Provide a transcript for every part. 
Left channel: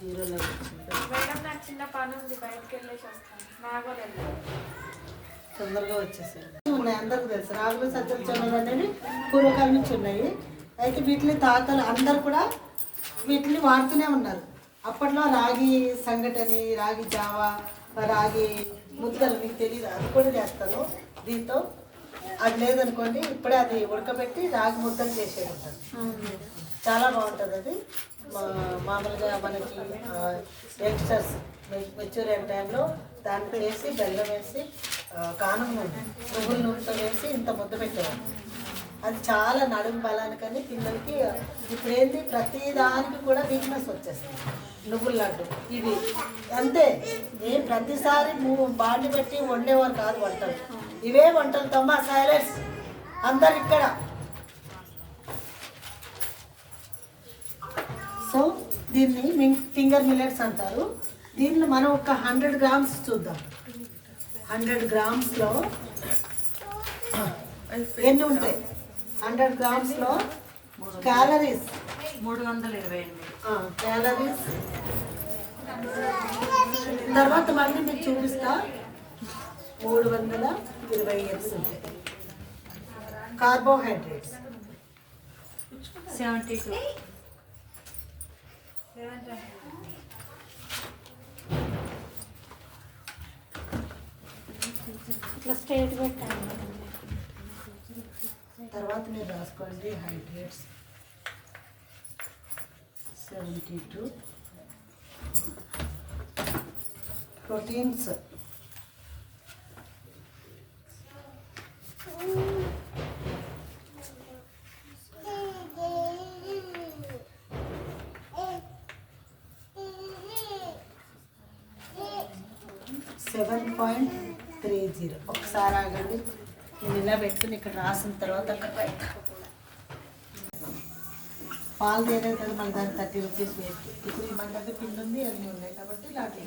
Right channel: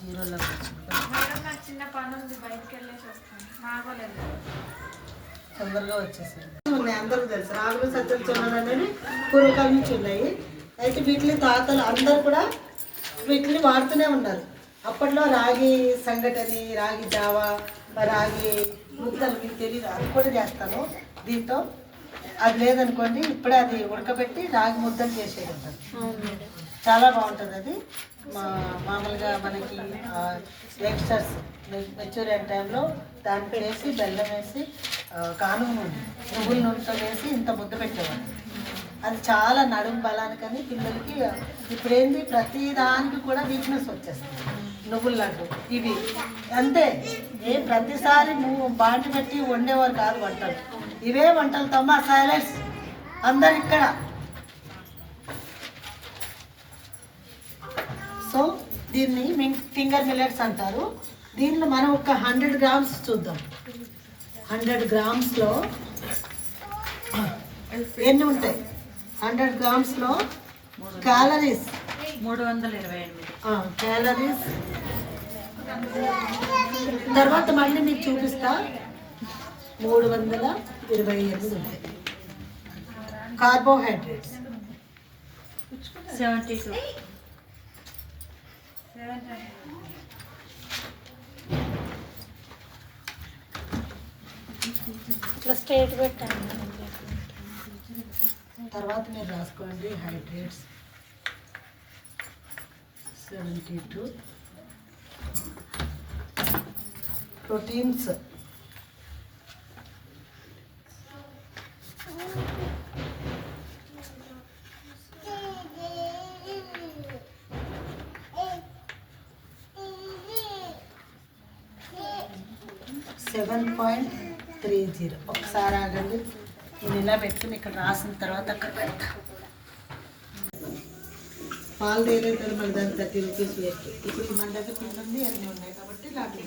జీరోలోకి వచ్చింది. నాకు చిన్న పని ఉంది, బయటకు వెళ్ళేసి వస్తాను. నాగోలేదు తొందరగా వచ్చేసాయి. ఉన్నాయి అందరికీ తెలుసు. రాగులు సజ్జలు జొన్నలు అనేవి పూర్వకాలం నుంచి ఉన్నాయి. అయితే వీటిని తాతలు అందరూ కూడా వీటిని వాడుతూనే ఉన్నారు. అప్పట్లో రాగి సంగటని, రాగి జావా, రాగి ముద్దలు మీకు తెలియదు, అది కూడా చేస్తాను దీంతో. అది లేదనుకోండి ఇప్పుడే అది ఉడకబెట్టి రాగి ముద్దలు చేసేది చాలా బాగుంటుంది. అది మామూలుగా మనకి యంగ్స్టర్స్ మెచ్యూర్ అయిన టైంలో దాంట్లో వేసి బెల్లం వేసి కానుక నువ్వుల నూనెతో వేసి ఇంత ముద్ద పెట్టేవాళ్ళు. అది చాలా నడుము బలానికని పిల్లలకి. ఇప్పుడేంటి ప్రతి దానికి కూడా వీక్నెస్ వచ్చేస్తుంది. నువ్వుల లడ్డు ఇవి అంతే. ప్రతిసారి బాండి పెట్టి వండేవారు కాదు వంటలు. ఇవే వంటలు తమ్మ సైలెంట్స్ అందరు ఇక్కడ. సో దీన్ని ఫింగర్ మిల్లెట్స్ అంటారు. దీనిలో మనం ఒక 100 గ్రామ్స్ చూద్దాం. 100 గ్రామ్స్లో ఎన్ని ఉంటాయి? 100 గ్రామ్స్లో క్యాలరీస్ 328 క్యాలరీస్. తర్వాత మళ్ళీ మీకు చూపిస్తా 328 ఉంటాయి. కార్బోహైడ్రేట్స్ 72. ఇట్లా స్ట్రేట్ పెట్టాను. తర్వాత మీరు రాసుకోండి. హైడ్రేట్స్ 72. ప్రోటీన్స్ 7.30. ఒకసారి ఆగండి. నేను ఇలా పెట్టుకుని ఇక్కడ రాసిన తర్వాత అక్కడ పెడతా. పాలు వేరేది మన దాన్ని 30 రూపీస్ వేస్ట్. ఇప్పుడు మన దగ్గర పిండి ఉంది, అన్నీ ఉన్నాయి కాబట్టి లాడ్డు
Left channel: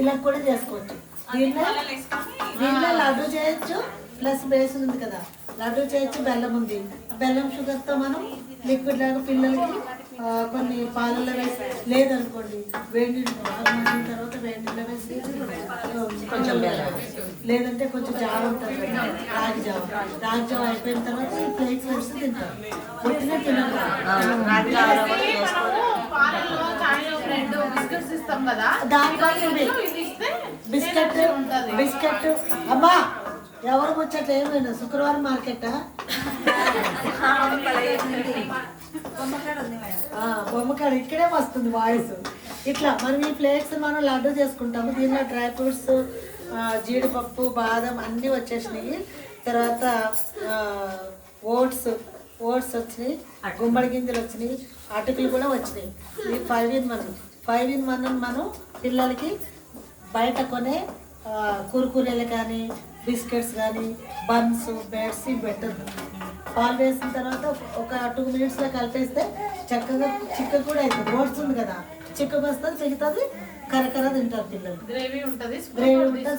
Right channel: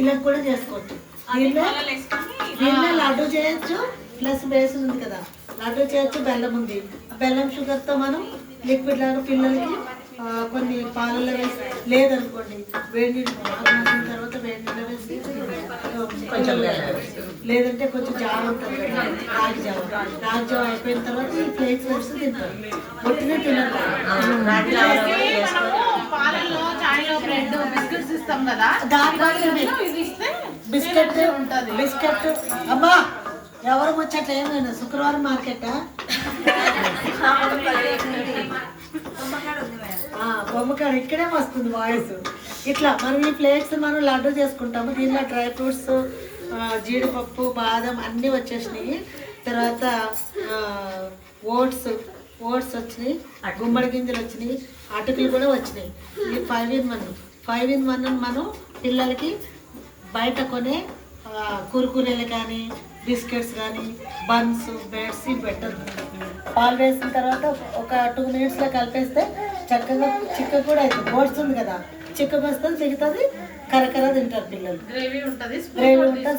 ఇలా కూడా చేసుకోవచ్చు. దీన్నే లడ్డు చేయొచ్చు. ప్లస్ బేస్ ఉంది కదా, లడ్డు చేయొచ్చు. బెల్లం ఉంది, బెల్లం షుగర్తో మనం లిక్విడ్ లాగా పిల్లలకి కొన్ని పాలల్లో వేసి, లేదనుకోండి వేడి నీళ్ళు తర్వాత వేడి నీళ్ళు వేసి కొంచెం లేదంటే కొంచెం జావ ఉంటుంది కదా, రాగి జావ. రాగి జావ అయిపోయిన తర్వాత ఈ ఫ్లేక్స్ వేసి తింటారు. పొట్టినే తినాలి. బిస్కెట్ అమ్మా ఎవరు ముచ్చట్ల ఏమైనా శుక్రవారం మార్కెటా? బొమ్మకాడ ఇక్కడే వస్తుంది వాయిస్. ఇట్లా మనం ఈ ఫ్లేక్స్ మనం లడ్డు చేసుకుంటాము. దీనిలో డ్రై ఫ్రూట్స్, జీడిపప్పు, బాదం అన్నీ వచ్చేసినాయి. తర్వాత ఓట్స్ వచ్చినాయి, గుమ్మడి గింజలు వచ్చినాయి, అటుకులు కూడా వచ్చినాయి. ఈ 5 in 1 మనం పిల్లలకి బయట కొనే కురుకురేలు కానీ బిస్కెట్స్ కానీ బన్స్ బ్రెడ్స్ పెట్టదు. పాలు వేసిన తర్వాత ఒక 2 minutesలో కలిపేస్తే చక్కగా చిక్క కూడా అవుతుంది. ఓట్స్ ఉంది కదా, చిక్కగా వస్తుంది, చిక్కుతుంది, కరకర తింటారు పిల్లలు. గ్రేవీ ఉంటుంది,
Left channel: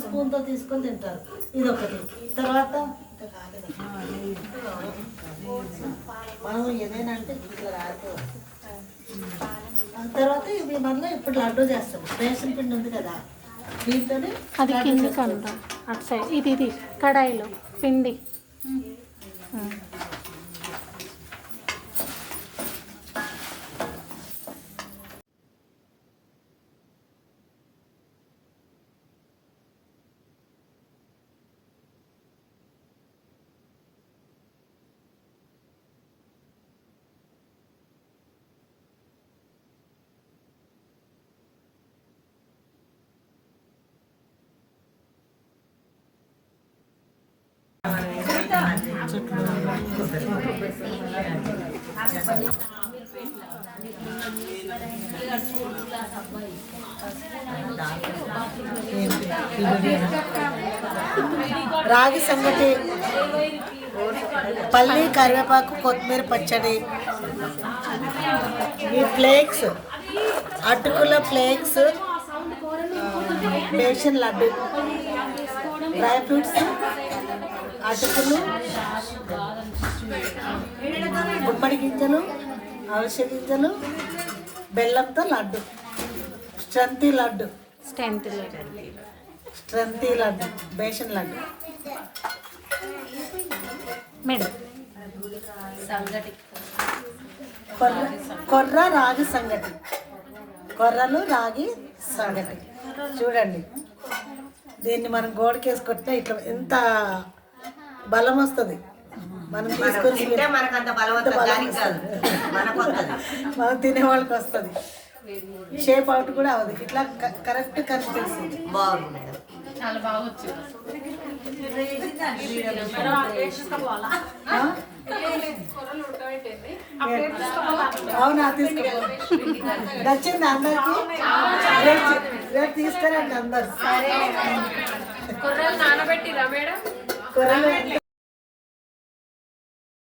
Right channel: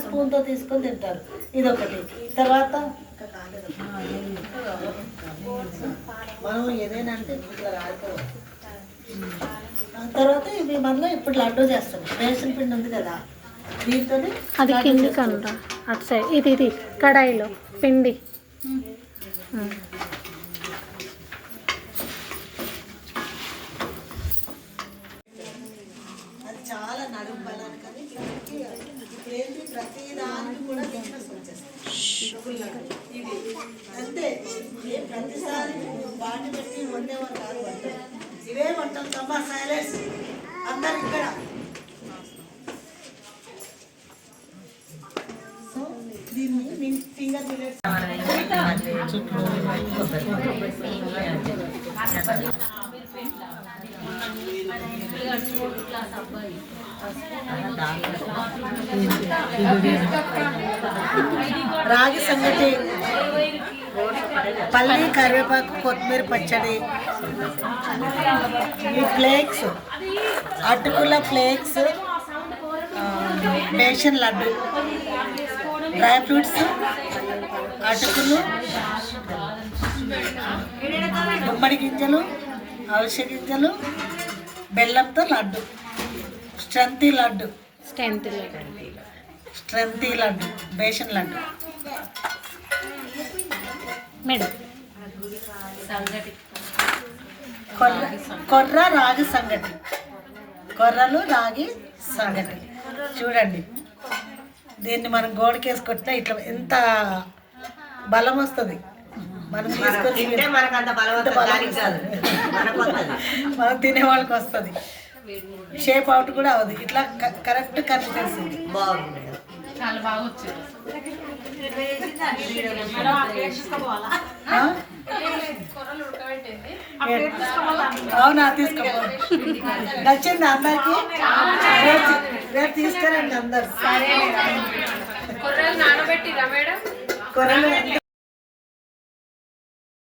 స్పూన్తో తీసుకొని తింటారు. ఇదొకటి. తర్వాత మనం ఏదైనా అంటే తర్వాత ఇవి మనం ఇప్పుడు లడ్డు చేస్తాం. రేషన్ పిండి ఉంది కదా, దీంతోనే అది కింది కంద అటు సైడ్ ఇది కడాయిలో పిండి. అది చాలా నడుము బలాన్ని కానీ ఇప్పుడు ఏంటి ప్రతి దానికి కూడా బిజినెస్ వచ్చేస్తుంది. ఇవి అంతే. ప్రతిసారి బాండి పెట్టి వండేవారు కాదు వంటలు. ఇవే వంటలు తమ్మా సైలెన్స్ అందరు ఇక్కడ. దీన్ని ఫింగర్ మిల్లెట్స్ రాగి సంగటి, పల్లి, కరివేపాకు, కొత్తిమీర పచ్చడి, ఈ ఫ్లేక్స్, అటుకుల flakes, besan laddu, dry fruits, అటుకులు, గుమ్మడి గింజలు, అవిసె గింజలు, బెల్లంతో laddu, strengthy laddu, strength strengthy laddu, besan laddu. Madam కొర్ర రాగి సంగటి, కొర్రలు రాగి సంగటి. చూడండి, దీన్ని మనం గోడకేసి కొట్టినా ఇట్లా ఎంత బలం వస్తుంది. మనం తీసుకొని మనం తినే వాళ్ళకి వస్తుంది. షేప్ అవుట్ కూడా అవ్వదు, ఇట్లా కరెక్ట్ కనిపిస్తుంది. బాగుంది. చాలా బాగా వచ్చింది. అవునా, తీసుకో. నచ్చింది అందరికి? రేపు తీసుకురండి అందరు. కొర్రలు నానబెట్టిరా మేడం? కొర్రలు